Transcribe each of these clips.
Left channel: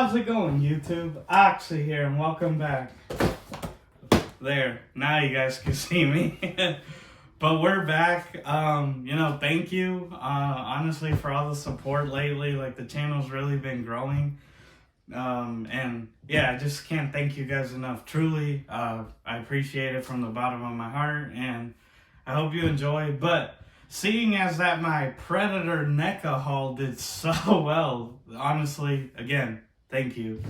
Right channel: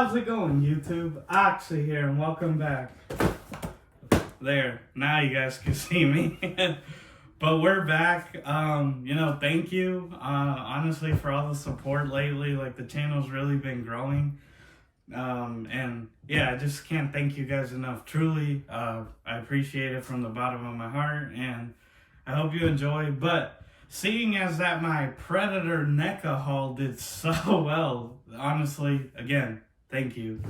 How's it going, YouTube? Oxy here, and welcome back. There, now you guys can see me. But we're back. Thank you, honestly, for all the support lately. Like, the channel's really been growing. And yeah, I just can't thank you guys enough. Truly, I appreciate it from the bottom of my heart, and I hope you enjoy. But seeing as that my Predator NECA haul did so well, honestly, again, thank you.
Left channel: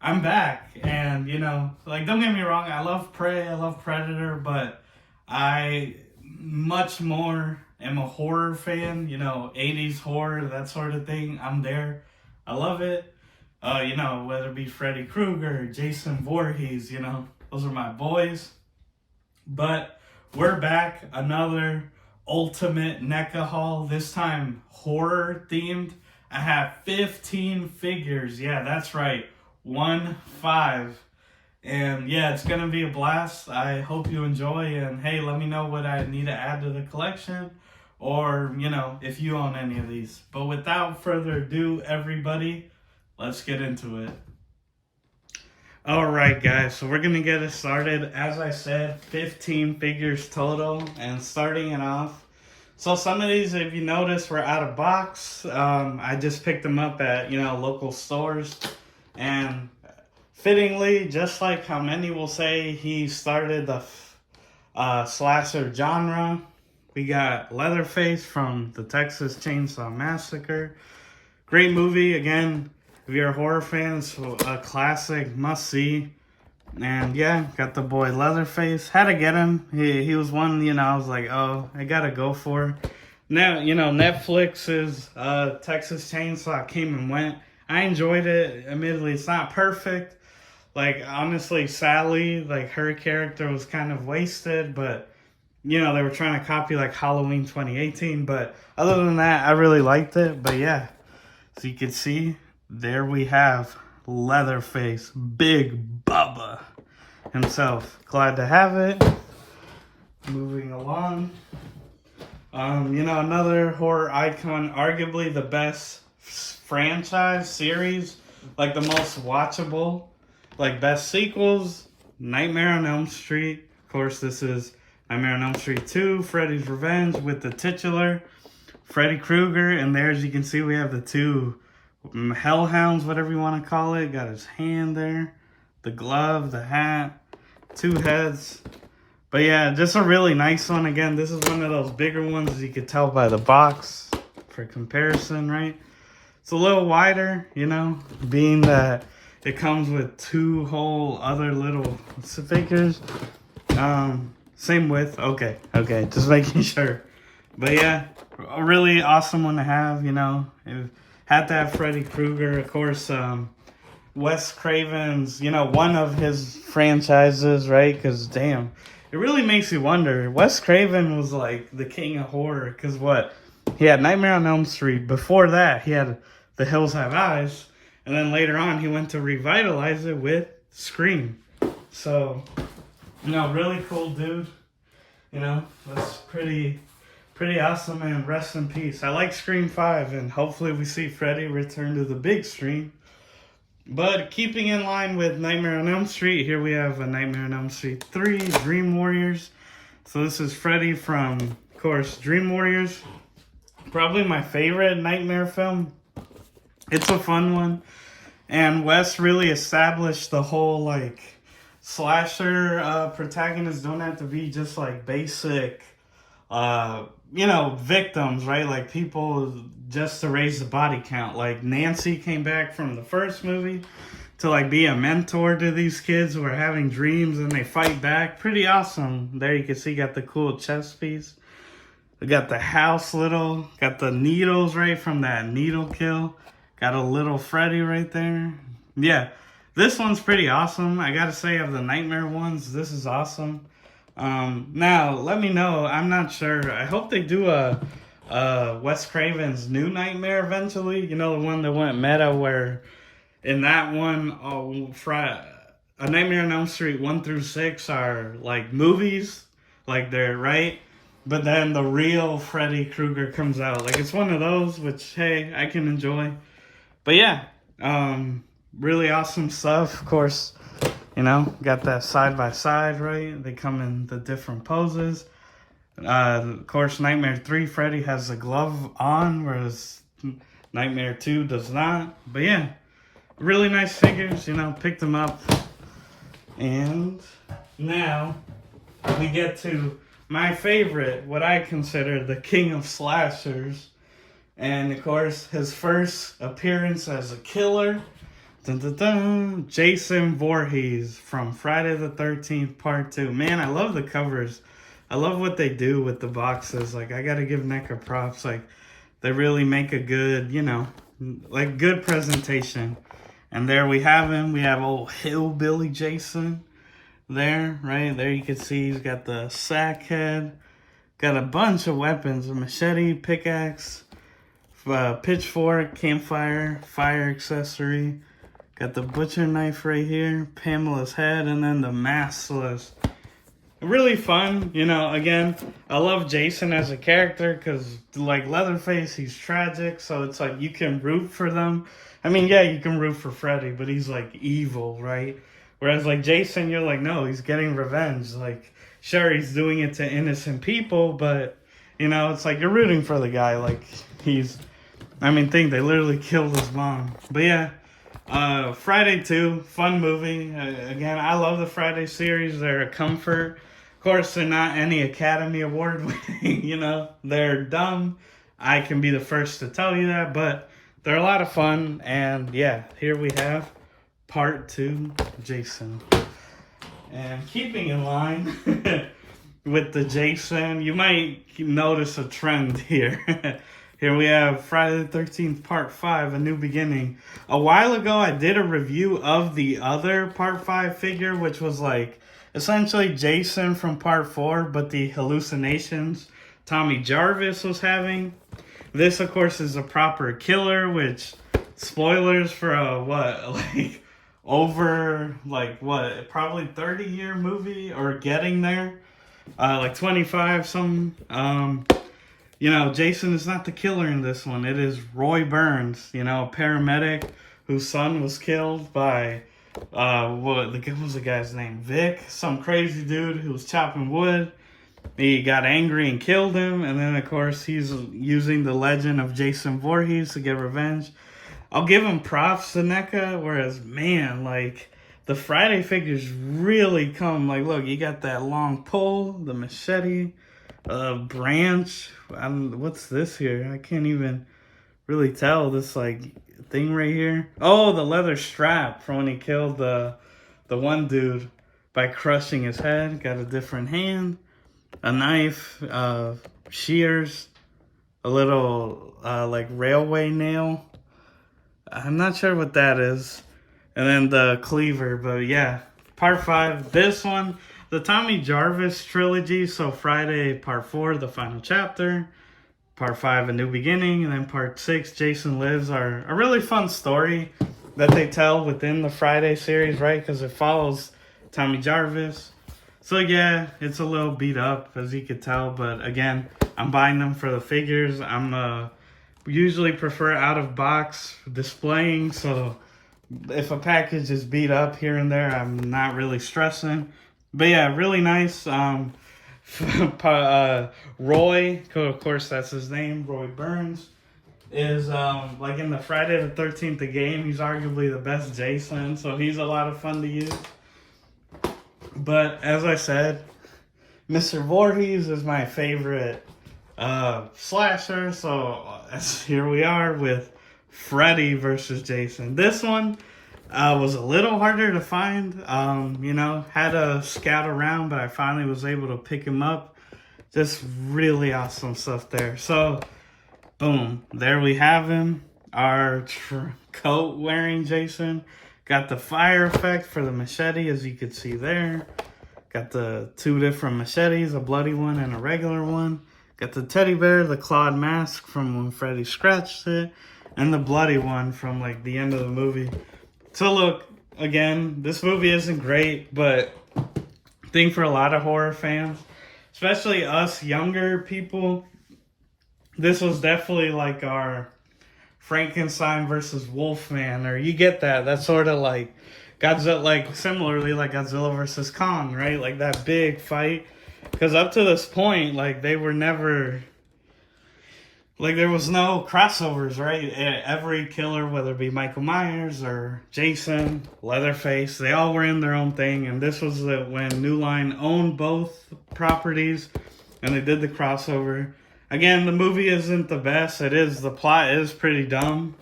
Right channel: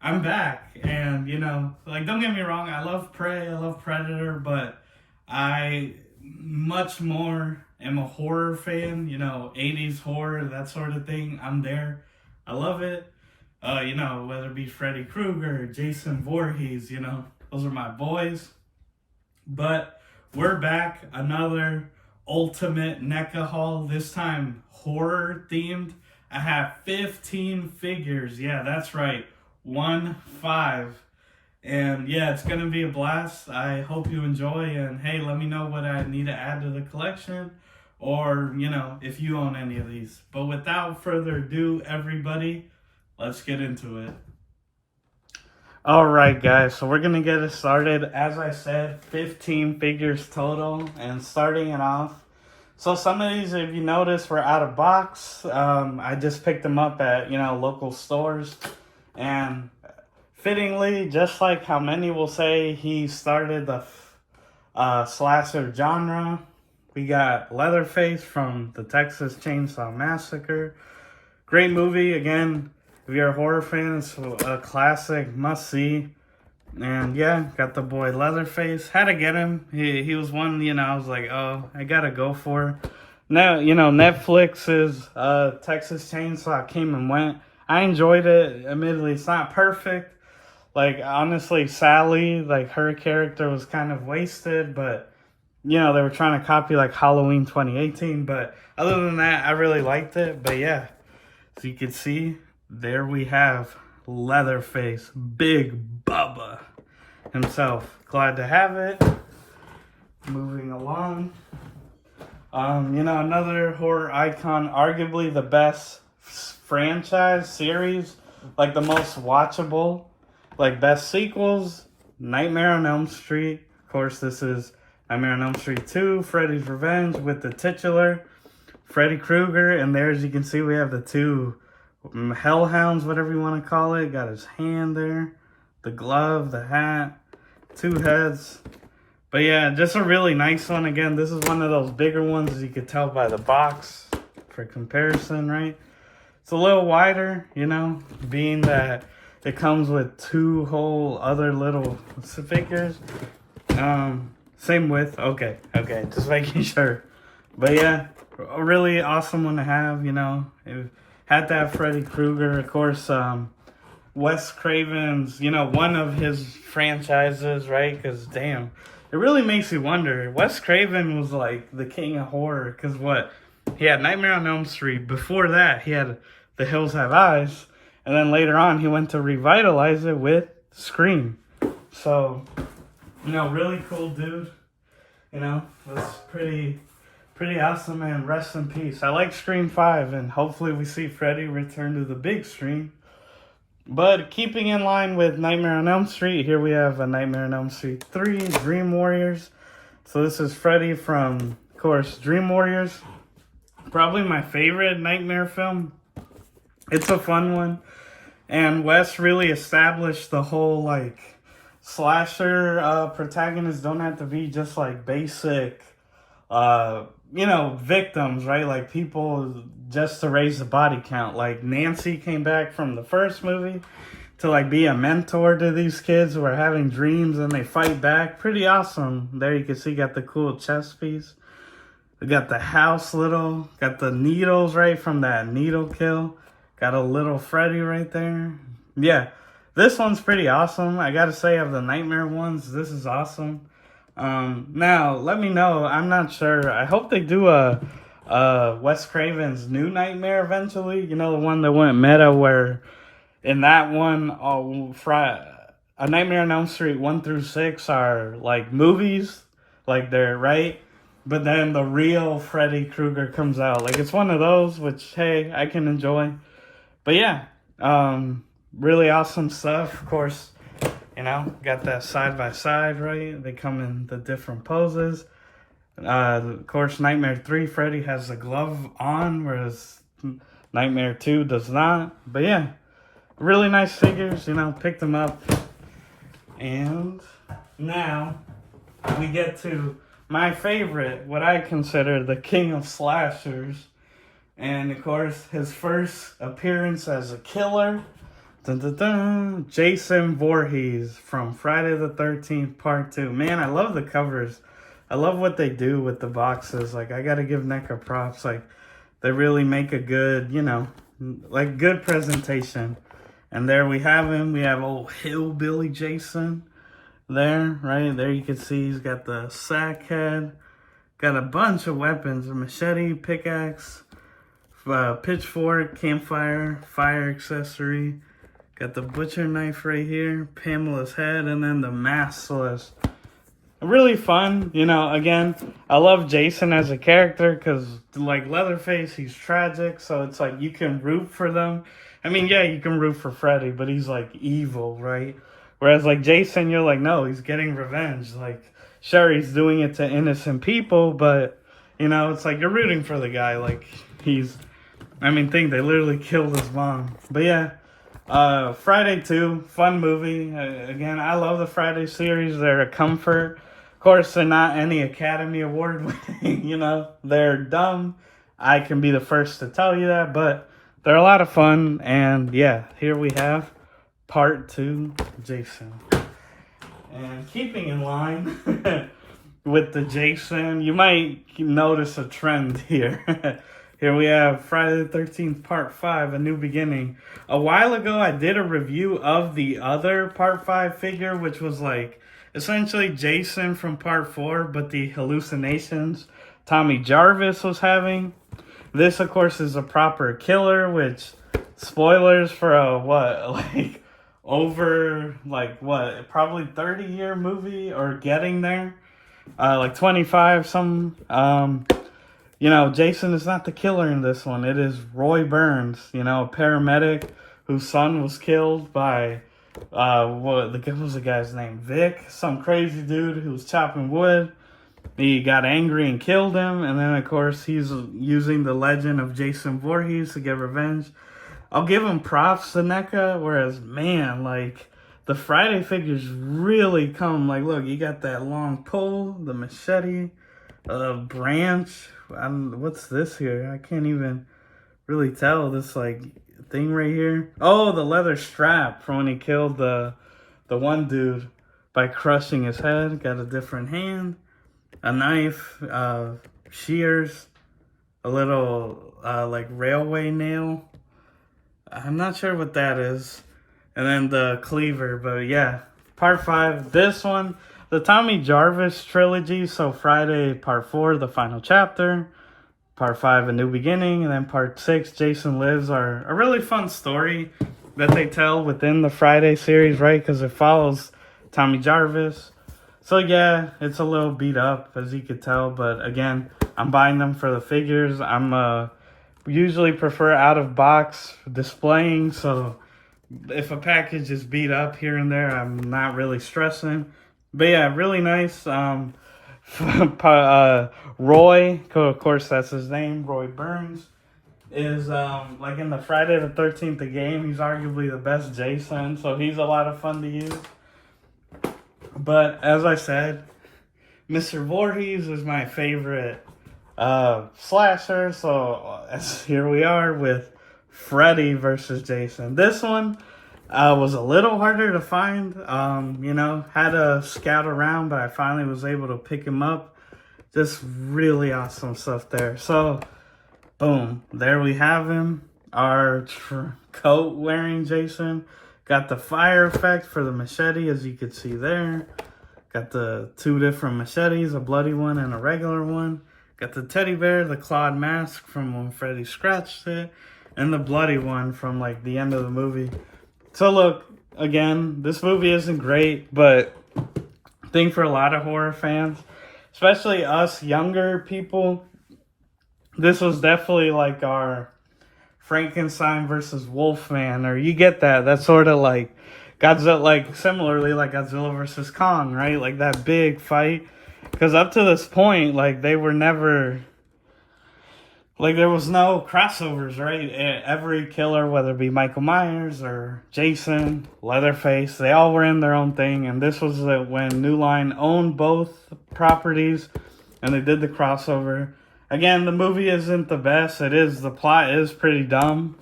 I'm back, and don't get me wrong, I love Prey, I love Predator, but I much more am a horror fan, 80s horror, that sort of thing. I'm there. I love it. Whether it be Freddy Krueger, Jason Voorhees, those are my boys. But we're back, another ultimate NECA haul, this time horror themed. I have 15 figures. Yeah, that's right. 1-5. And yeah, it's gonna be a blast. I hope you enjoy, and hey, let me know what I need to add to the collection, or if you own any of these. But without further ado, everybody, let's get into it. Alright guys, so we're gonna get it started. As I said, 15 figures total, and starting it off, so some of these, if you notice, were out of box. I just picked them up at, local stores. And fittingly, just like how many will say he started the slasher genre, we got Leatherface from the Texas Chainsaw Massacre. Great movie. Again, if you're a horror fan, it's a classic, must-see. And yeah, got the boy Leatherface. Had to get him. He was one, I was like, oh, I gotta go for. Now, Netflix's Texas Chainsaw came and went. I enjoyed it. Admittedly, it's not perfect. Like, honestly, Sally, like, her character was kind of wasted, but, they were trying to copy, like, Halloween 2018. But other than that, I really liked it. But yeah, so you can see, there we have Leatherface, Big Bubba himself. Glad to have it. Moving along. Another horror icon, arguably the best franchise series, like the most watchable, like best sequels, Nightmare on Elm Street. Of course, this is Nightmare on Elm Street 2, Freddy's Revenge, with the titular Freddy Krueger. And there, as you can see, we have the two hellhounds, whatever you want to call it. Got his hand there, the glove, the hat, two heads. But yeah, just a really nice one. Again, this is one of those bigger ones, as you could tell by the box, for comparison, right? It's a little wider, being that it comes with two whole other little figures. Same width. Okay, just making sure. But yeah, a really awesome one to have, It had that Freddy Krueger, of course, Wes Craven's, one of his franchises, right? Because, damn, it really makes you wonder. Wes Craven was like the king of horror, because what? He had Nightmare on Elm Street. Before that, he had The Hills Have Eyes. And then later on, he went to revitalize it with Scream. So, really cool dude. That's pretty awesome, and rest in peace. I like Scream 5, and hopefully we see Freddy return to the big screen. But keeping in line with Nightmare on Elm Street, here we have a Nightmare on Elm Street 3, Dream Warriors. So this is Freddy from, of course, Dream Warriors. Probably my favorite Nightmare film. It's a fun one. And Wes really established the whole, like, slasher protagonists don't have to be just, like, basic, victims, right? Like, people just to raise the body count. Like, Nancy came back from the first movie to, like, be a mentor to these kids who are having dreams, and they fight back. Pretty awesome. There you can see, got the cool chest piece. We got the house got the needles, right, from that needle kill. Got a little Freddy right there. Yeah, this one's pretty awesome. I gotta say, of the Nightmare ones, this is awesome. Now, let me know. I'm not sure. I hope they do a Wes Craven's new Nightmare eventually. The one that went meta, where in that one, A Nightmare on Elm Street 1 through 6 are like movies, like they're right. But then the real Freddy Krueger comes out. Like, it's one of those, which, hey, I can enjoy. But yeah, really awesome stuff. Of course, you know, got that side by side, right? They come in the different poses. Of course, Nightmare 3, Freddy has the glove on, whereas Nightmare 2 does not. But yeah, really nice figures, you know, picked them up. And now we get to my favorite, what I consider the king of slashers. And of course, his first appearance as a killer. Dun, dun, dun, Jason Voorhees from Friday the 13th Part 2. Man, I love the covers. I love what they do with the boxes. Like, I gotta give NECA props. Like, they really make a good, you know, like, good presentation. And there we have him. We have old hillbilly Jason there, right? There you can see he's got the sack head. Got a bunch of weapons. A machete, pickaxe, pitchfork, campfire, fire accessory. Got the butcher knife right here, Pamela's head, and then the mask. So it's really fun. You know, again, I love Jason as a character because, like Leatherface, he's tragic. So it's like you can root for them. I mean, yeah, you can root for Freddy, but he's like evil, right? Whereas like Jason, you're like, no, he's getting revenge. Like, sure, he's doing it to innocent people, but, you know, it's like you're rooting for the guy. Like, he's, I mean, they literally killed his mom. But yeah. Friday 2, fun movie. Again, I love the Friday series. They're a comfort. Of course, they're not any Academy Award winning, you know. They're dumb. I can be the first to tell you that, but they're a lot of fun. And yeah, here we have Part 2, Jason. And keeping in line with the Jason, you might notice a trend here. Here we have Friday the 13th Part 5, A New Beginning. A while ago, I did a review of the other Part 5 figure, which was like essentially Jason from Part 4, but the hallucinations Tommy Jarvis was having. This, of course, is a proper killer, which, spoilers for a, probably 30-year movie, or getting there. Like 25, something. You know, Jason is not the killer in this one. It is Roy Burns, you know, a paramedic whose son was killed by, what was the guy's name? Vic, some crazy dude who was chopping wood. He got angry and killed him. And then, of course, he's using the legend of Jason Voorhees to get revenge. I'll give him props to NECA, whereas, man, like, the Friday figures really come. Like, look, you got that long pole, the machete, branch. What's this here? I can't even really tell. This like thing right here. Oh, the leather strap from when he killed the one dude by crushing his head. Got a different hand, a knife, shears, a little like railway nail. I'm not sure what that is. And then the cleaver. But yeah, Part 5. This one. The Tommy Jarvis trilogy, so Friday Part 4, the final chapter, Part 5, A New Beginning, and then Part 6, Jason Lives, are a really fun story that they tell within the Friday series, right? Because it follows Tommy Jarvis. So yeah, it's a little beat up, as you could tell, but again, I'm buying them for the figures. I'm usually prefer out-of-box displaying, so if a package is beat up here and there, I'm not really stressing. But yeah, really nice. Roy, of course that's his name, Roy Burns, is like in the Friday the 13th the game, he's arguably the best Jason, so he's a lot of fun to use. But as I said, Mr. Voorhees is my favorite slasher, so here we are with Freddy versus Jason. This one was a little harder to find. You know, had to scout around, but I finally was able to pick him up. Just really awesome stuff there. So, boom, there we have him. Our coat wearing Jason. Got the fire effect for the machete, as you can see there. Got the two different machetes, a bloody one and a regular one. Got the teddy bear, the clawed mask from when Freddy scratched it, and the bloody one from like the end of the movie. So look, again, this movie isn't great, but I think for a lot of horror fans, especially us younger people, this was definitely like our Frankenstein versus Wolfman, or you get that. That's sort of like Godzilla, like similarly like Godzilla versus Kong, right? Like that big fight. Because up to this point, like they were never, like there was no crossovers, right? Every killer, whether it be Michael Myers or Jason, Leatherface, they all were in their own thing. And this was when New Line owned both properties, and they did the crossover. Again, the movie isn't the best. The plot is pretty dumb.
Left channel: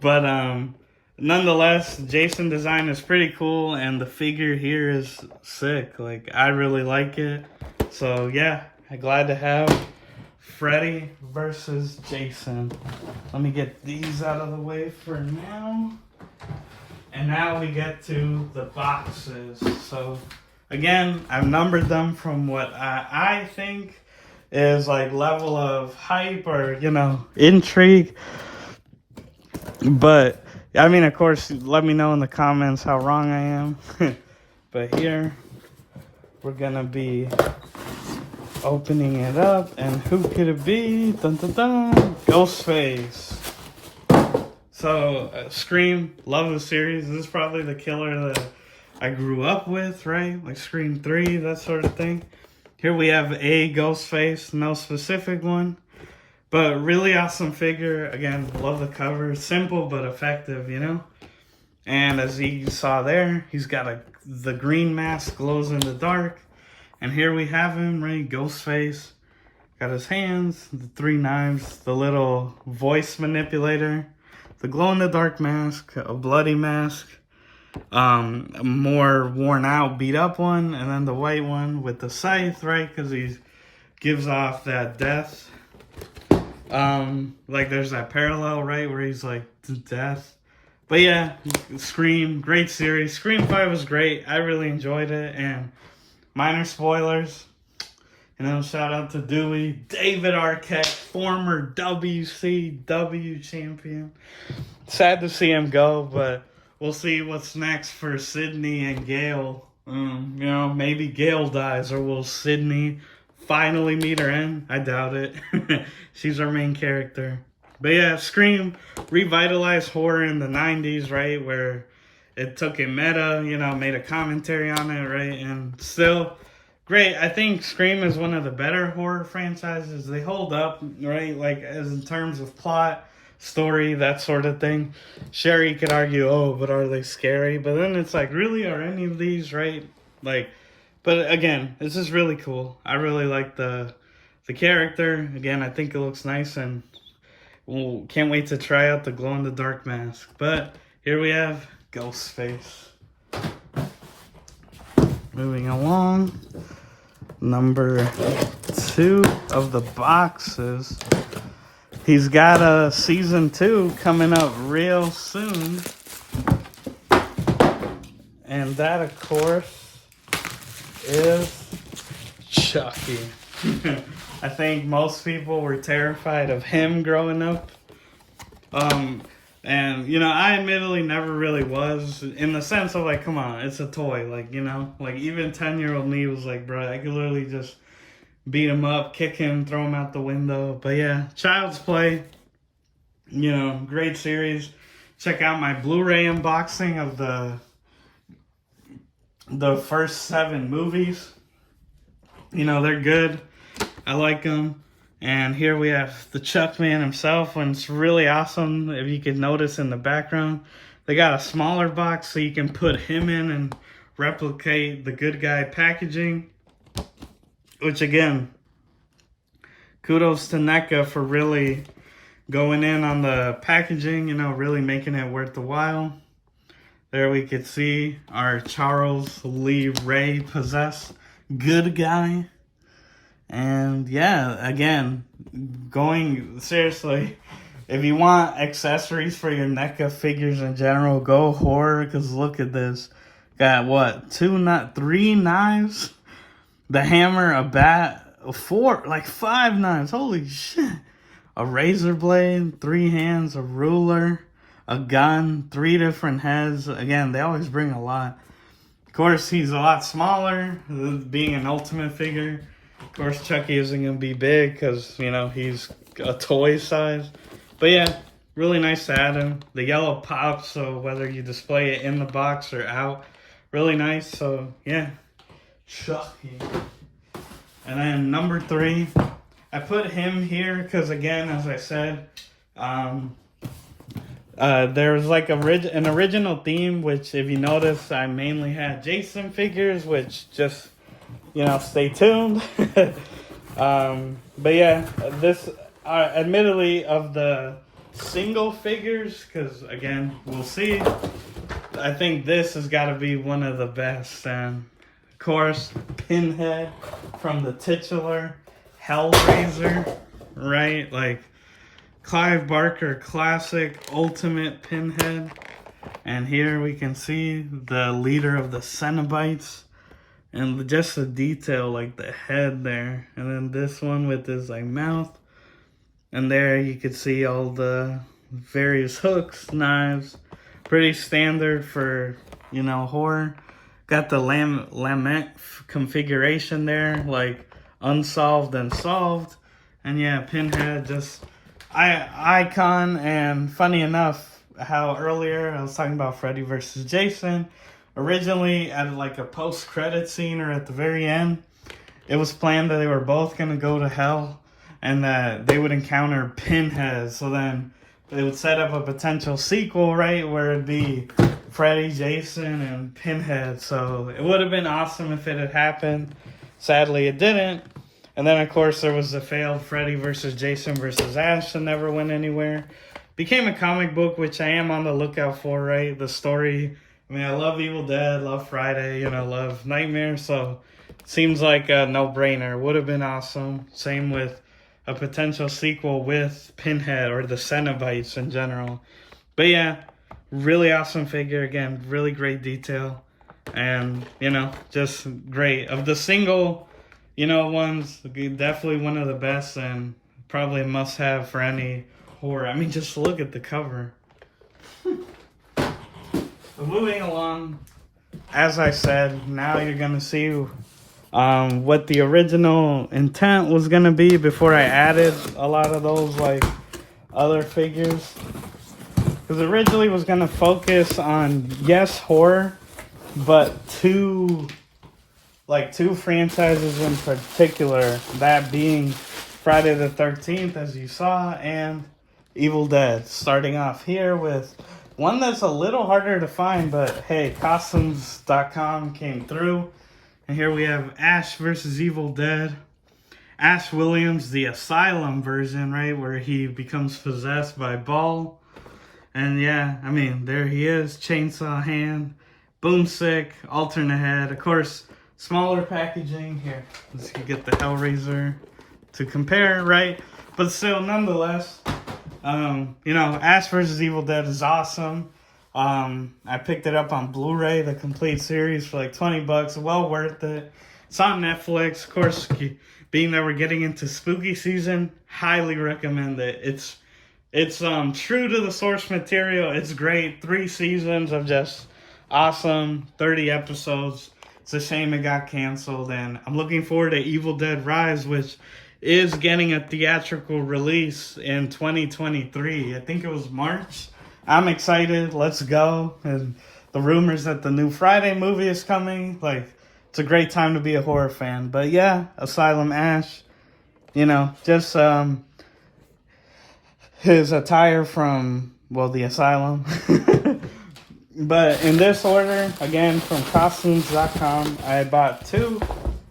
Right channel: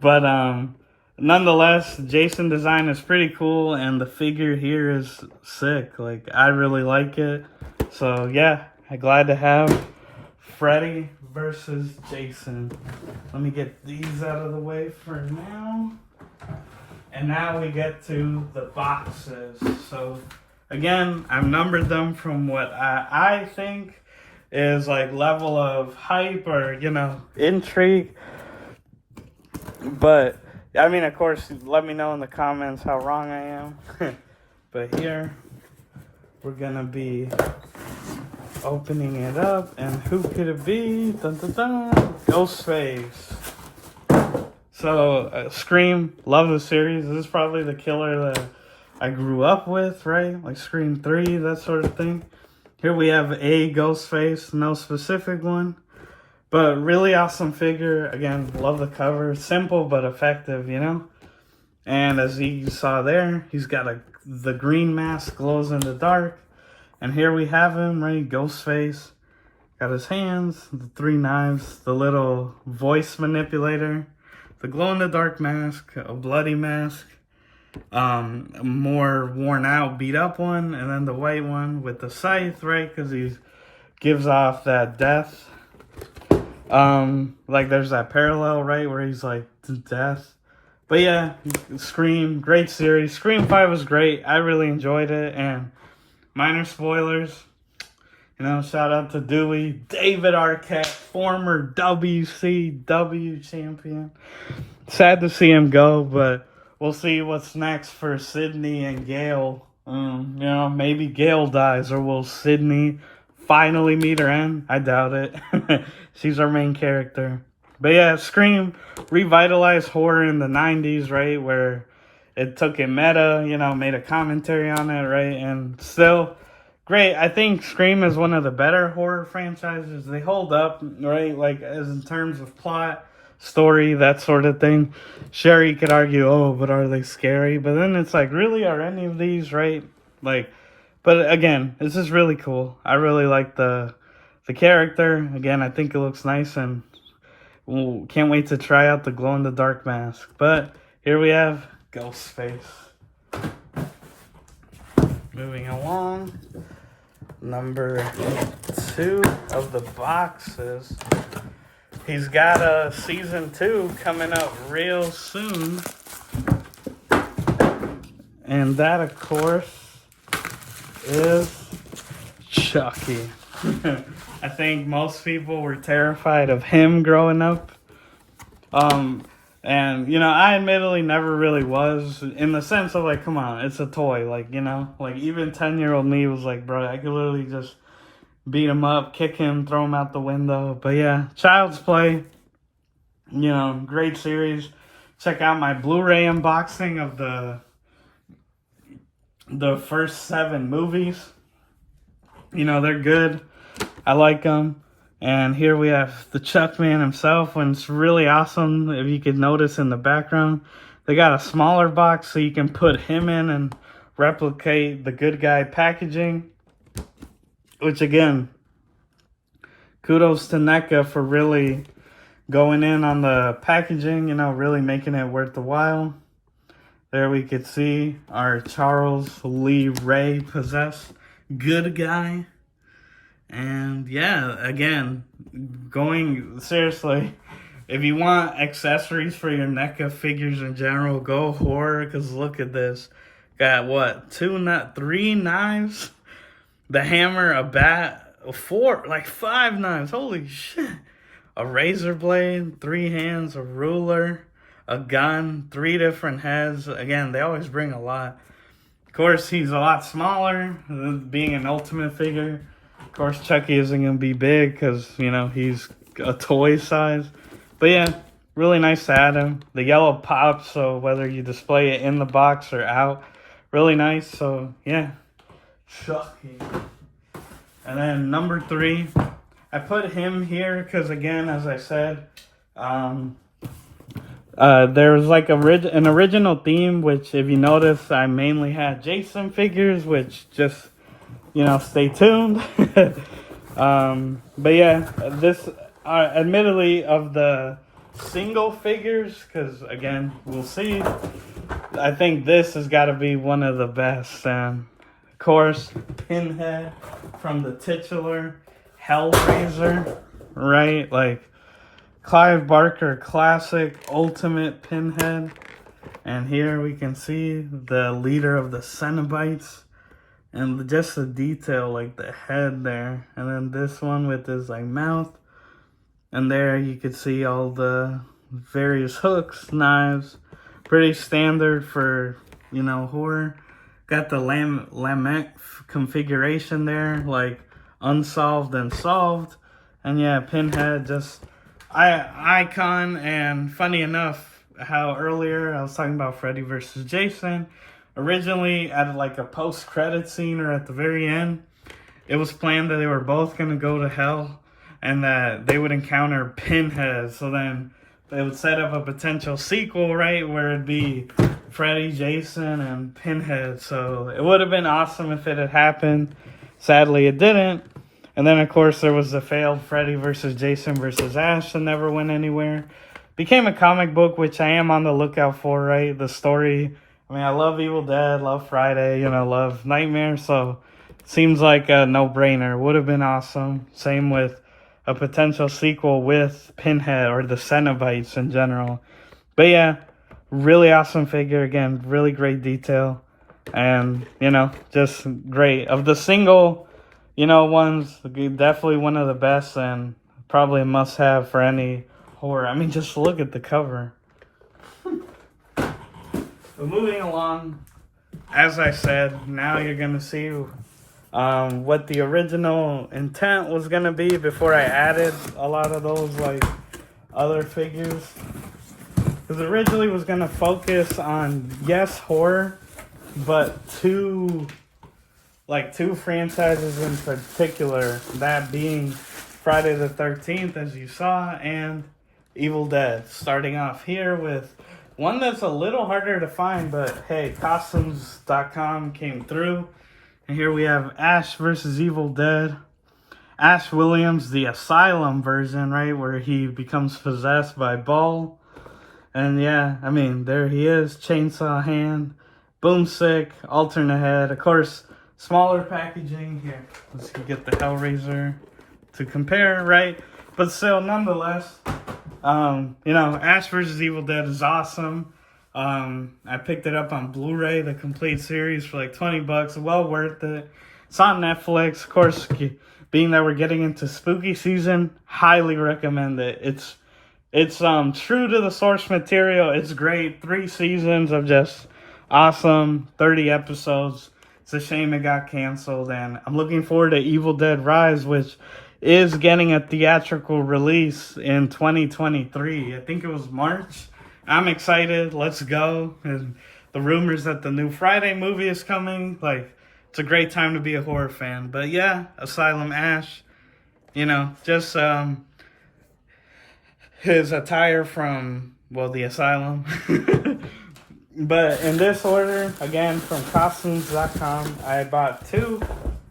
But nonetheless, Jason design is pretty cool, and the figure here is sick. Like, I really like it. So, yeah, I'm glad to have Freddy versus Jason. Let me get these out of the way for now. And now we get to the boxes. So, again, I've numbered them from what I think is like level of hype or, you know, intrigue. But, I mean, of course, let me know in the comments how wrong I am. But here, we're gonna be opening it up. And who could it be? Dun, dun, dun. Ghostface. So, Scream, love the series. This is probably the killer that I grew up with, right? Like Scream 3, that sort of thing. Here we have a Ghostface, no specific one. But really awesome figure. Again, love the cover. Simple but effective, you know? And as you saw there, he's got the green mask, glows in the dark. And here we have him, right? Ghostface. Got his hands, the 3 knives, the little voice manipulator, the glow-in-the-dark mask, a bloody mask, a more worn-out, beat-up one, and then the white one with the scythe, right? Because he gives off that death. Like there's that parallel, right, where he's like to death. But yeah, Scream, great series. Scream 5 was great. I really enjoyed it, and minor spoilers. You know, shout out to Dewey, David Arquette, former WCW champion. Sad to see him go, but we'll see what's next for Sydney and Gail. You know, maybe Gail dies, or will Sydney finally meet her end? I doubt it. She's our main character. But yeah, Scream revitalized horror in the 90s, right? Where it took it meta, you know, made a commentary on it, right? And still great. I think Scream is one of the better horror franchises. They hold up, right? Like, as in terms of plot, story, that sort of thing. Sure, you could argue, oh, but are they scary? But then it's like, really, are any of these, right? Like, but again, this is really cool. I really like the character. Again, I think it looks nice, and can't wait to try out the glow-in-the-dark mask. But here we have Ghostface. Moving along, number 2 of the boxes. He's got a season 2 coming up real soon. And that, of course, is Chucky. I think most people were terrified of him growing up. And, you know, I admittedly never really was, in the sense of, like, come on, it's a toy. Like, you know, like, even 10-year-old me was like, bro, I could literally just beat him up, kick him, throw him out the window. But yeah, Child's Play, you know, great series. Check out my Blu-ray unboxing of the first 7 movies. You know, they're good. I like them. And here we have the Chuck Man himself, and it's really awesome. If you can notice in the background, they got a smaller box so you can put him in and replicate the good guy packaging. Which, again, kudos to NECA for really going in on the packaging, you know, really making it worth the while. There we could see our Charles Lee Ray possessed good guy. And yeah, again, going seriously, if you want accessories for your NECA figures in general, go horror, because look at this. Got what, 3 knives? The hammer, a bat, 4, like 5 knives. Holy shit. A razor blade, 3 hands, a ruler, a gun, 3 different heads. Again, they always bring a lot. Of course, he's a lot smaller, being an ultimate figure. Of course, Chucky isn't going to be big because, you know, he's a toy size. But yeah, really nice to add him. The yellow pops, so whether you display it in the box or out, really nice. So yeah, Chucky. And then number 3, I put him here because, again, as I said, there was like an original theme, which if you notice, I mainly had Jason figures, which just, stay tuned. But yeah, this, admittedly, of the single figures, because again, we'll see, I think this has got to be one of the best. And of course, Pinhead from the titular Hellraiser, right? Like Clive Barker classic ultimate Pinhead. And here we can see the leader of the Cenobites, and just the detail, like the head there. And then this one with his like mouth, and there you could see all the various hooks, knives, pretty standard for horror. Got the Lamech configuration there, like unsolved and solved. And yeah, Pinhead, just icon. And funny enough, how earlier I was talking about Freddy versus Jason, originally at like a post-credit scene or at the very end, it was planned that they were both going to go to hell and that they would encounter Pinhead. So then they would set up a potential sequel, right, where it'd be Freddy, Jason, and Pinhead. So it would have been awesome if it had happened. Sadly, it didn't. And then, of course, there was the failed Freddy versus Jason versus Ash that never went anywhere. Became a comic book, which I am on the lookout for, right? The story, I mean, I love Evil Dead, love Friday, love Nightmare. So it seems like a no-brainer. Would have been awesome. Same with a potential sequel with Pinhead or the Cenobites in general. But yeah, really awesome figure. Again, really great detail. And, just great. Of the single, ones, definitely one of the best and probably a must-have for any horror. I mean, just look at the cover. So moving along, as I said, now you're going to see what the original intent was going to be before I added a lot of those, like, other figures. Because originally was going to focus on, yes, horror, but two franchises in particular, that being Friday the 13th, as you saw, and Evil Dead. Starting off here with one that's a little harder to find, but hey, costumes.com came through. And here we have Ash versus Evil Dead. Ash Williams, the Asylum version, right, where he becomes possessed by Ball. And yeah, I mean, there he is, chainsaw hand, boomstick, alternate head. Of course, smaller packaging. Here, let's get the Hellraiser to compare, right? But still, nonetheless, Ash vs. Evil Dead is awesome. I picked it up on Blu-ray, the complete series, for like $20. Well worth it. It's on Netflix. Of course, being that we're getting into spooky season, highly recommend it. It's true to the source material. It's great. 3 seasons of just awesome, 30 episodes. It's a shame it got canceled, and I'm looking forward to Evil Dead Rise, which is getting a theatrical release in 2023. I think it was March. I'm excited. Let's go. And the rumors that the new Friday movie is coming, like, it's a great time to be a horror fan. But yeah, Asylum Ash, just his attire from, well, the Asylum. But in this order, again, from costumes.com, I bought 2.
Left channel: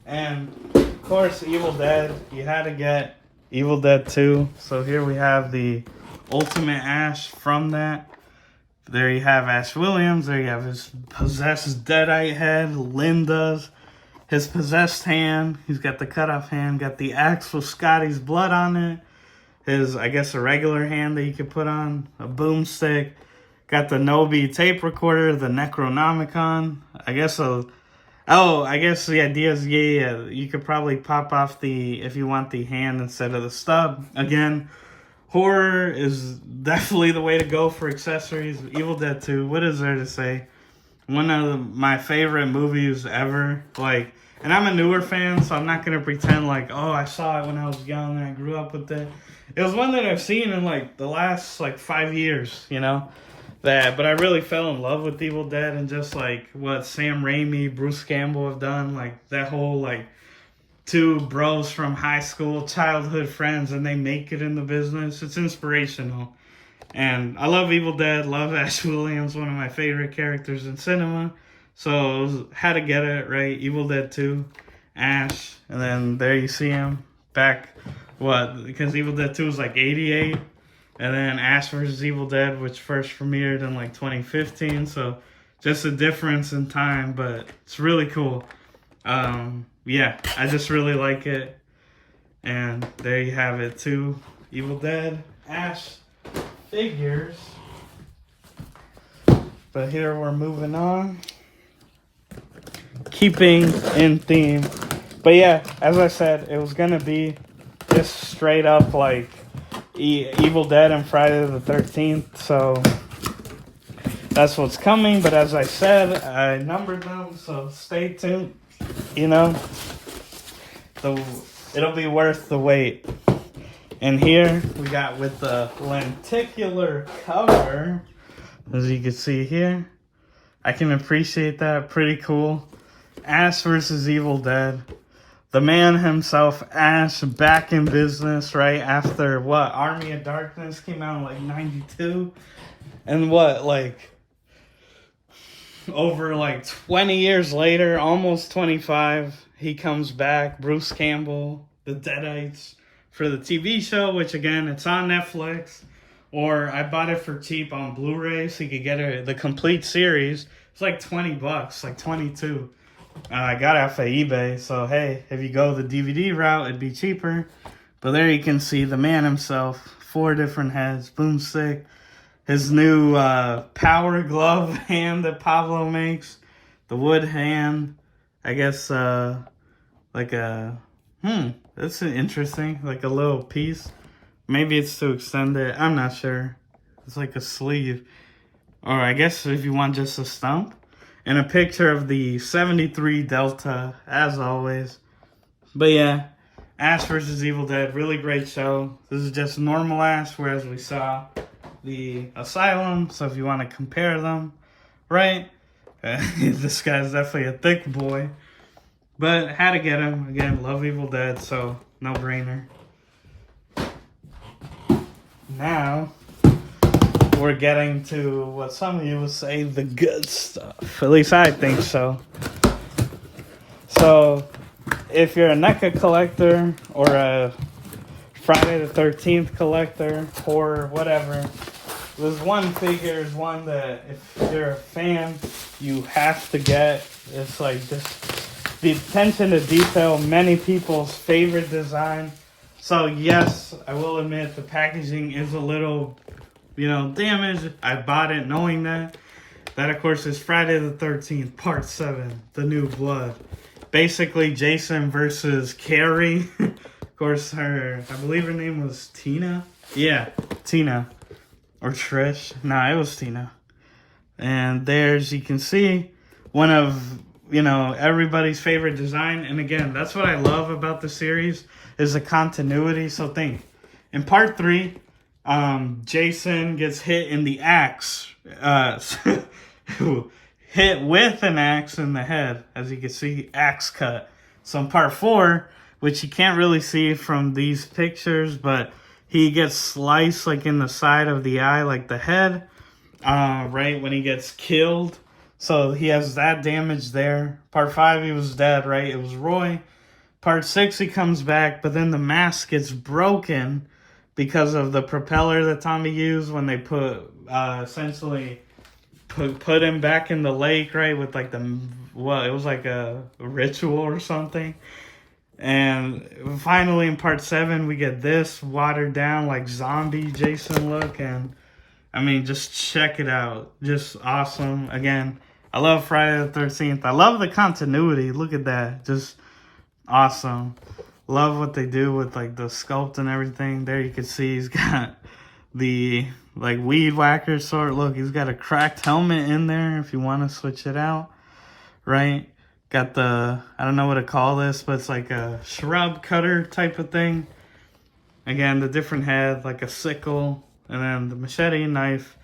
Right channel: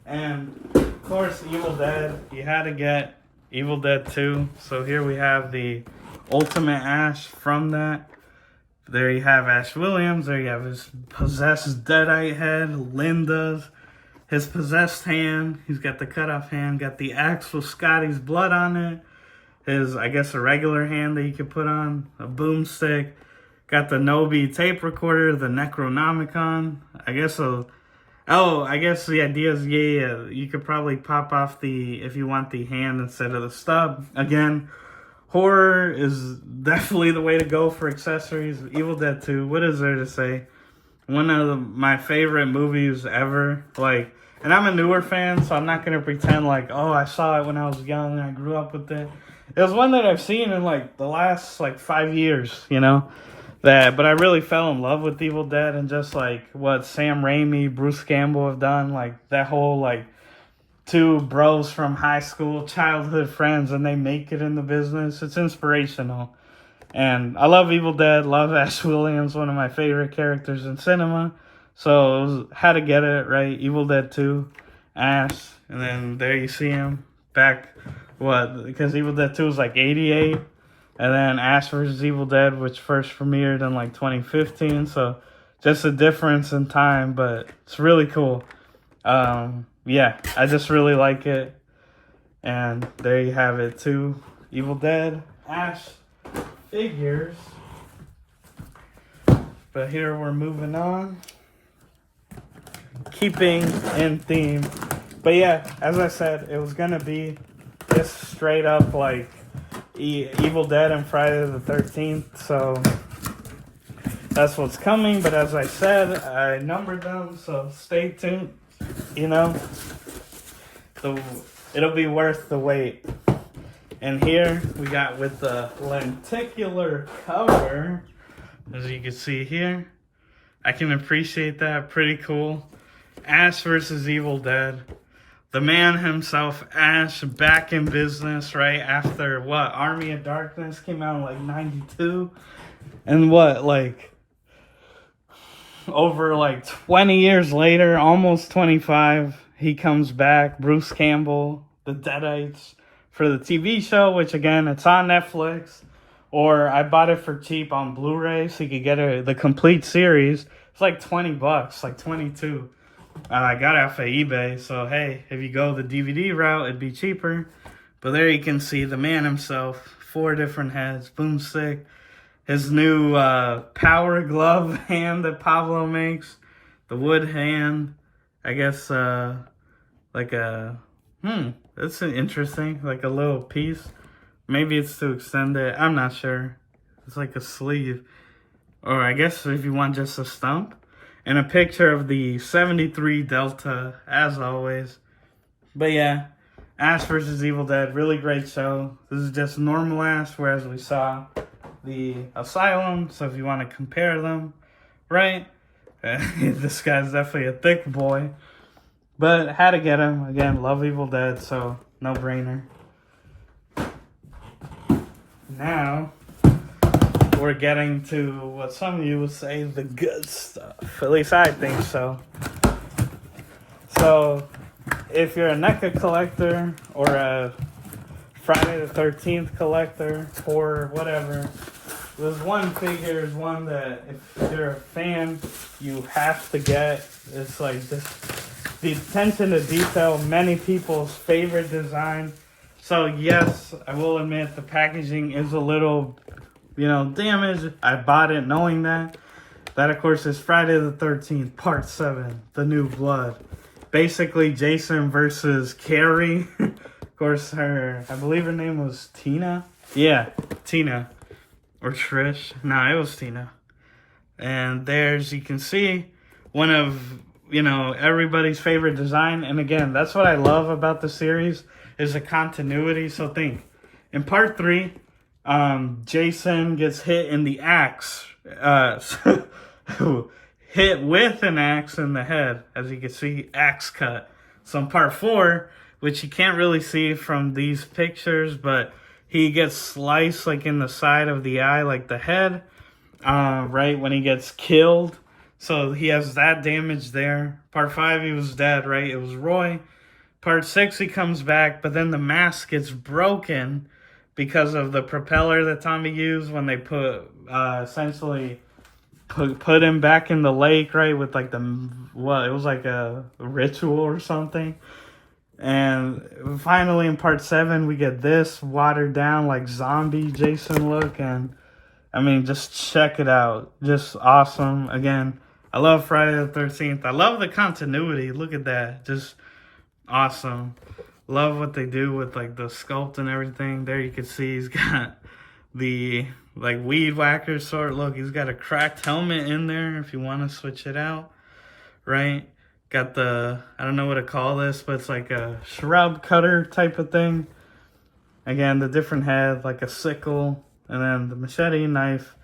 And, of course, Evil Dead. You had to get Evil Dead 2. So here we have the Ultimate Ash from that. There you have Ash Williams. There you have his possessed Deadite head. Linda's. His possessed hand. He's got the cut-off hand. Got the axe with Scotty's blood on it. His, I guess, a regular hand that you could put on. A boomstick. Got the Nobi tape recorder, the Necronomicon. I guess the idea is, yeah, you could probably pop off if you want the hand instead of the stub. Again, horror is definitely the way to go for accessories. Evil Dead 2, what is there to say? One of my favorite movies ever. Like, and I'm a newer fan, so I'm not going to pretend like, oh, I saw it when I was young and I grew up with it. it was one that I've seen in like the last like 5 years, you know. But I really fell in love with Evil Dead and just like what Sam Raimi, Bruce Campbell have done, like that whole like two bros from high school, childhood friends, and they make it in the business. It's inspirational. And I love Evil Dead, love Ash Williams, one of my favorite characters in cinema. So had to get it, right? Evil Dead 2, Ash, and then there you see him back, because Evil Dead 2 was like 88. And then Ash vs. Evil Dead, which first premiered in like 2015. So just a difference in time, but it's really cool. Yeah, I just really like it. And there you have it, 2 Evil Dead Ash figures. But here we're moving on. Keeping in theme. But yeah, as I said, it was going to be just straight up like Evil Dead and Friday the 13th, so that's what's coming. But as I said, I numbered them, so stay tuned. You know, it'll be worth the wait. And here we got with the lenticular cover, as you can see here. I can appreciate that. Pretty cool. Ash versus Evil Dead. The man himself, Ash, back in business, right? After what? Army of Darkness came out in like 92. And what? Like, over like 20 years later, almost 25, he comes back. Bruce Campbell, The Deadites, for the TV show, which again, it's on Netflix. Or I bought it for cheap on Blu-ray so you could get the complete series. It's like $20, like 22. I got it off of eBay, so hey, if you go the DVD route, it'd be cheaper. But there you can see the man himself, 4 different heads, boomstick, his new power glove hand that Pablo makes, the wood hand, I guess, like a, that's interesting, like a little piece. Maybe it's to extend it, I'm not sure. It's like a sleeve. Or I guess if you want just a stump. And a picture of the 73 Delta, as always. But yeah, Ash vs. Evil Dead, really great show. This is just normal Ash, whereas we saw the Asylum. So if you want to compare them, right? This guy's definitely a thick boy. But had to get him. Again, love Evil Dead, so no brainer. Now we're getting to what some of you would say the good stuff. At least I think so. So, if you're a NECA collector or a Friday the 13th collector or whatever, there's one figure is one that if you're a fan, you have to get. It's like just the attention to detail, many people's favorite design. So yes, I will admit the packaging is a little, damaged. I bought it knowing that. That, of course, is Friday the 13th, Part 7, The New Blood. Basically, Jason versus Kerry. Of course, I believe her name was Tina. Yeah, Tina. Or Trish. Nah, it was Tina. And there's, you can see, one of, everybody's favorite design. And again, that's what I love about the series, is the continuity. So think, in Part 3, Jason gets hit in the axe, hit with an axe in the head, as you can see, axe cut. So in Part 4, which you can't really see from these pictures, but he gets sliced like in the side of the eye, like the head, right, when he gets killed. So he has that damage there. Part 5, he was dead, right? It was Roy. Part 6, he comes back, but then the mask gets broken because of the propeller that Tommy used when they essentially put him back in the lake, right? With like it was like a ritual or something. And finally in Part 7, we get this watered down like zombie Jason look. And I mean, just check it out. Just awesome. Again, I love Friday the 13th. I love the continuity. Look at that. Just awesome. Love what they do with like the sculpt and everything. There you can see he's got the like weed whacker sort. Look, he's got a cracked helmet in there if you want to switch it out, right? Got the, I don't know what to call this, but it's like a shrub cutter type of thing. Again, the different head, like a sickle, and then the machete, knife.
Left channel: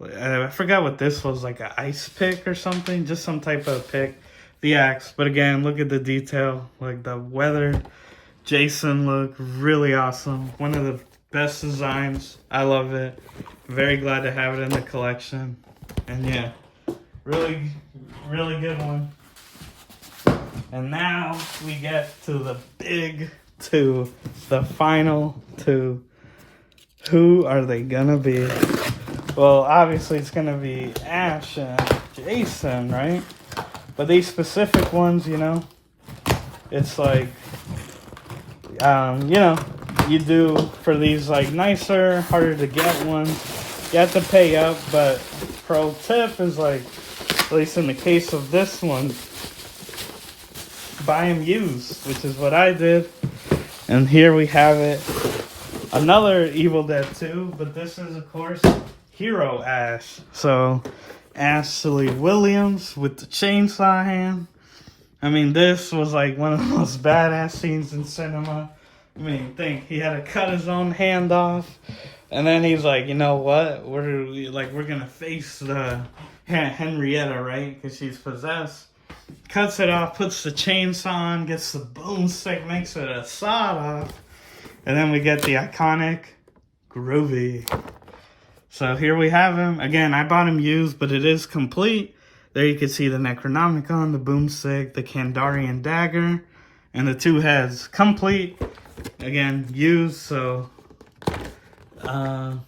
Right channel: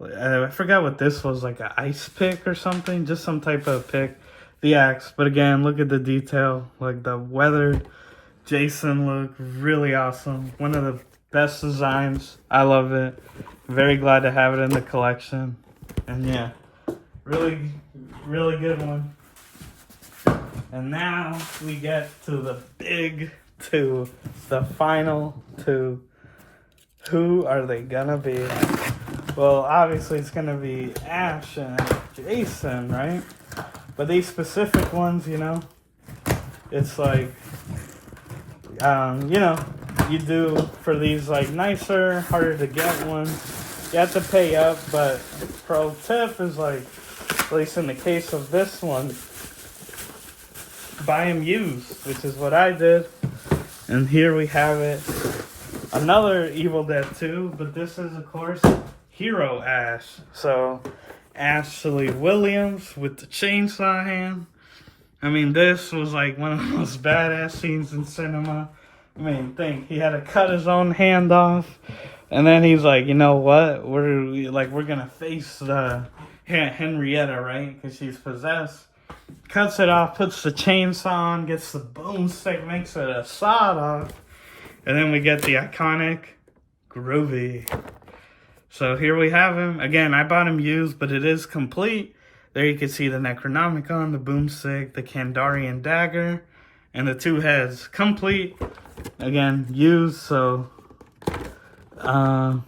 I forgot what this was, like an ice pick or something, just some type of pick. The axe, but again, look at the detail, like the weathered Jason look, really awesome. One of the best designs. I love it. Very glad to have it in the collection. And yeah, really, really good one. And now we get to the big two, the final two. Who are they gonna be? Well, obviously it's gonna be Ash and Jason, right? But these specific ones, you know, it's like, you know, you do for these like nicer, harder to get ones, you have to pay up. But pro tip is like, at least in the case of this one, buy them used, which is what I did. And here we have it. Another Evil Dead 2, but this is, of course, Hero Ash. So, Ashley Williams with the chainsaw hand. I mean, this was like one of the most badass scenes in cinema. I mean, think, he had to cut his own hand off. And then he's like, you know what? We're gonna face the Henrietta, right? Because she's possessed. Cuts it off, puts the chainsaw on, gets the boomstick, makes it a sawed-off. And then we get the iconic Groovy. So here we have him. Again, I bought him used, but it is complete. There you can see the Necronomicon, the boomstick, the Kandarian dagger, and the two heads. Complete. Again, used, so... oh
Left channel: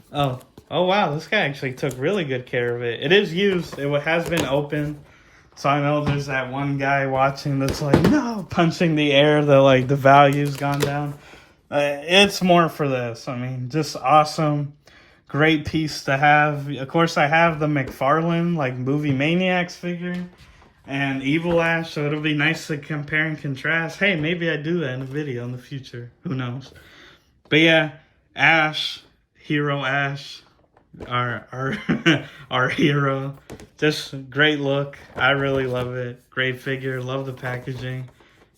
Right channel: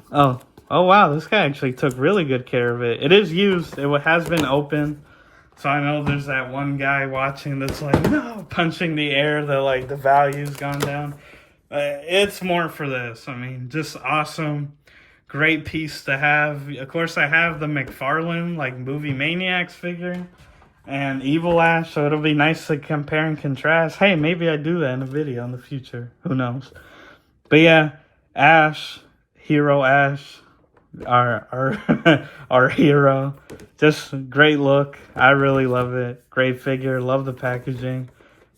wow, this guy actually took really good care of it. It is used. It has been open. So I know there's that one guy watching that's like, no, punching the air, that like the value's gone down. It's more for this. I mean, just awesome. Great piece to have. Of course, I have the McFarlane, like, Movie Maniacs figure. And Evil Ash, so it'll be nice to compare and contrast. Hey, maybe I do that in a video in the future. Who knows? But yeah, Ash, Hero Ash, our hero. Just great look. I really love it. Great figure. Love the packaging.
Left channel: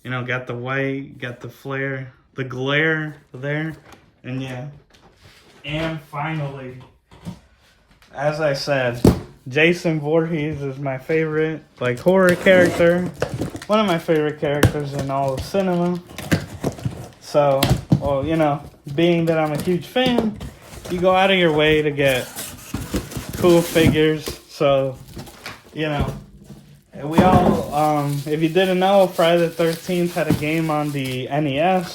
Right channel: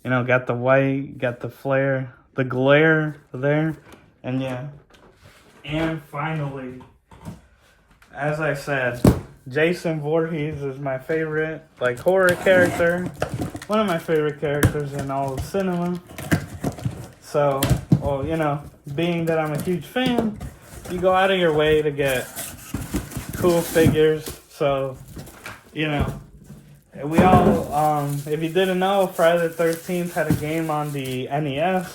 You know, got the white, got the flare, the glare there. And yeah. And finally, as I said, Jason Voorhees is my favorite, like, horror character. One of my favorite characters in all of cinema. So, well, you know, being that I'm a huge fan, you go out of your way to get cool figures. So, you know, we all, if you didn't know, Friday the 13th had a game on the NES.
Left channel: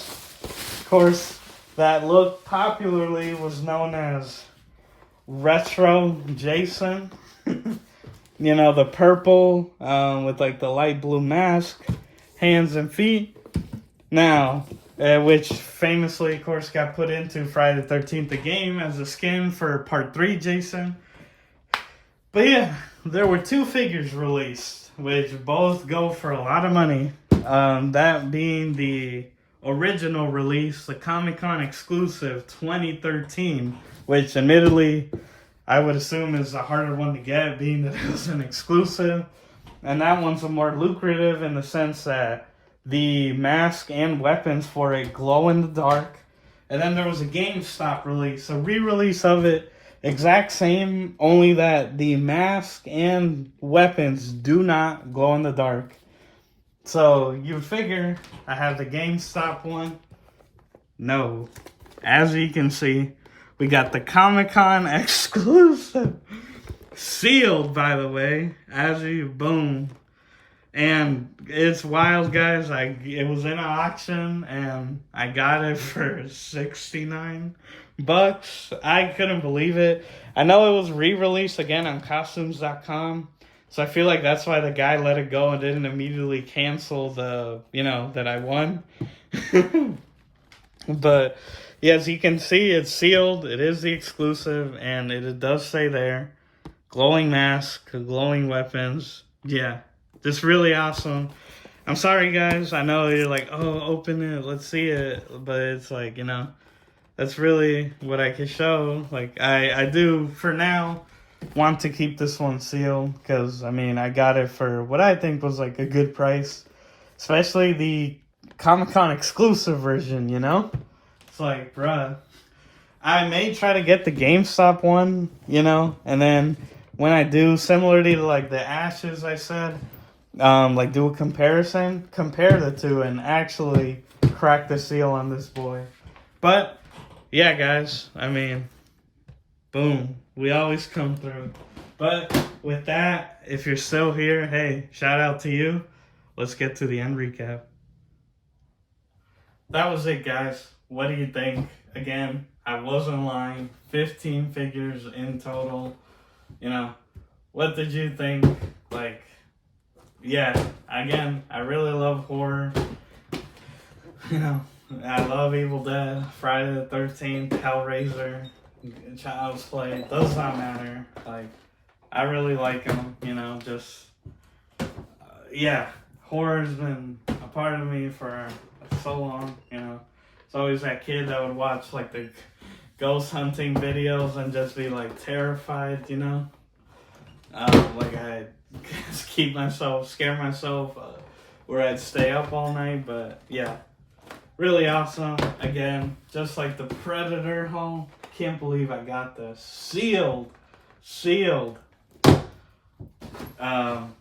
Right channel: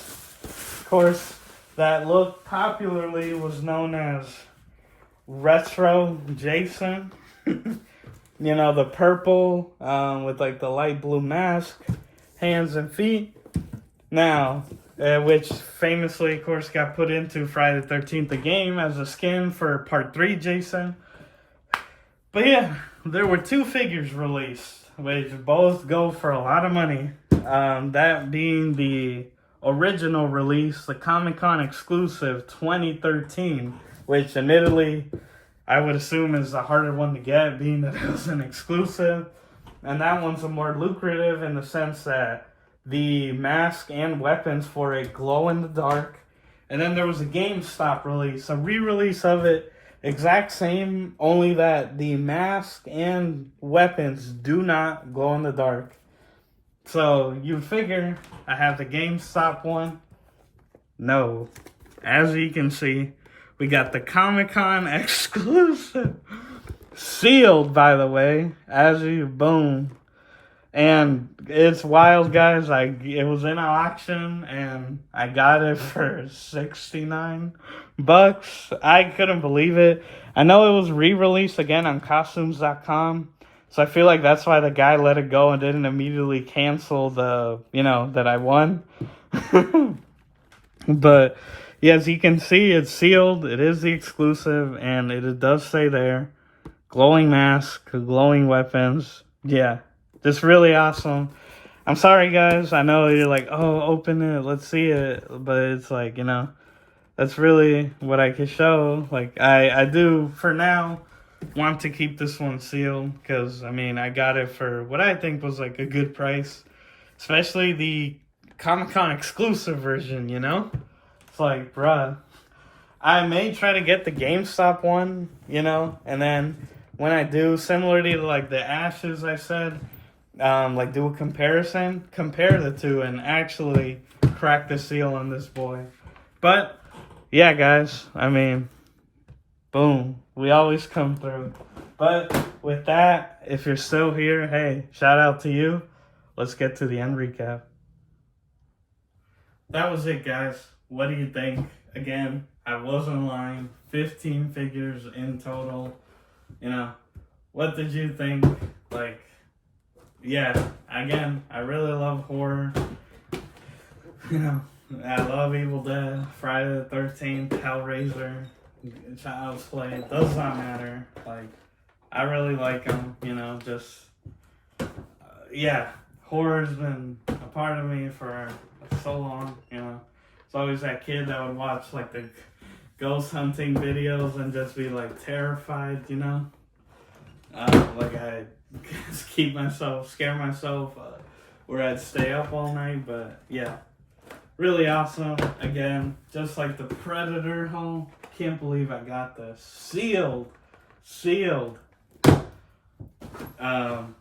Of course, that look popularly was known as Retro Jason. You know, the purple with like the light blue mask, hands and feet. Now, which famously, of course, got put into Friday the 13th, the game, as a skin for Part 3 Jason. But yeah, there were two figures released, which both go for a lot of money. That being the original release, the Comic-Con exclusive 2013, which admittedly I would assume is a harder one to get, being that it was an exclusive. And that one's more lucrative in the sense that the mask and weapons for it glow in the dark. And then there was a GameStop release, a re-release of it, exact same, only that the mask and weapons do not glow in the dark. So you figure I have the GameStop one. No. As you can see, we got the Comic-Con exclusive. Sealed, by the way. Boom. And it's wild, guys. It was in an auction, and I got it for $69. I couldn't believe it. I know it was re-released again on costumes.com. So I feel like that's why the guy let it go and didn't immediately cancel the, you know, that I won. But yeah, as you can see, it's sealed. It is the exclusive, and it does say there, glowing mask, glowing weapons. Yeah, it's really awesome. I'm sorry, guys. I know you're like, oh, open it, let's see it. But it's like, you know, that's really what I can show. Like, I do, for now, want to keep this one sealed, because I mean, I got it for what I think was like a good price, especially the Comic-Con exclusive version, you know. It's like, bruh, I may try to get the GameStop one, you know, and then when I do, similarly to like the Ashes, I said, like do a comparison, compare the two, and actually crack the seal on this boy. But yeah, guys, I mean, boom, we always come through. But with that, if you're still here, hey, shout out to you. Let's get to the end recap. That was it, guys. What do you think? Again, I wasn't lying. 15 figures in total. You know, what did you think? Like, yeah, again, I really love horror. You know, I love Evil Dead, Friday the 13th, Hellraiser, Child's Play. Does not matter. Like, I really like them, you know, just, yeah, horror's been a part of me for so long, you know. It's always that kid that would watch, like, the ghost hunting videos and just be, like, terrified, you know. Like, I just scare myself, where I'd stay up all night, but, yeah. Really awesome. Again, just like the Predator haul. Can't believe I got this. Sealed.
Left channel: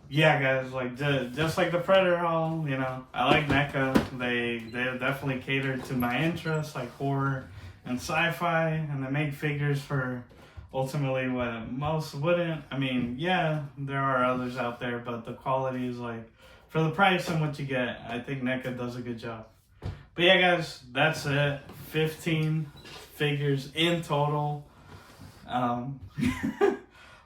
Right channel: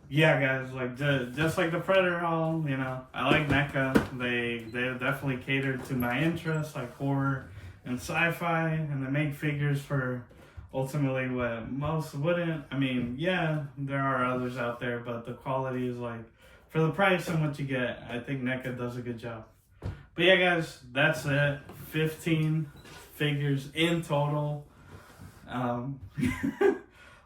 Yeah, guys, like just like the Predator haul, you know, I like NECA. They definitely catered to my interests, like horror and sci-fi, and they make figures for ultimately what most wouldn't. I mean, yeah, there are others out there, but the quality is like, for the price and what you get, I think NECA does a good job. But yeah, guys, that's it. 15 figures in total.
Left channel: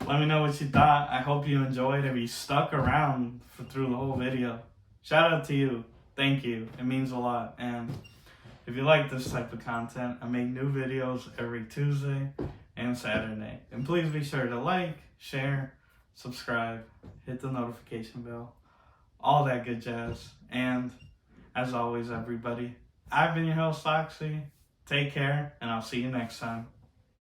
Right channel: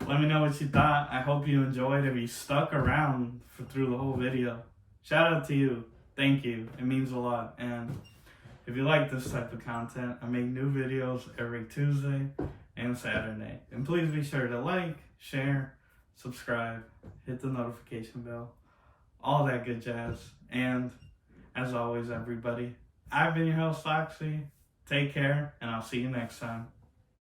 Let me know what you thought. I hope you enjoyed. If you stuck around through the whole video, shout out to you. Thank you. It means a lot. And if you like this type of content, I make new videos every Tuesday and Saturday. And please be sure to like, share, subscribe, hit the notification bell, all that good jazz. And as always, everybody, I've been your host, Oxy. Take care, and I'll see you next time.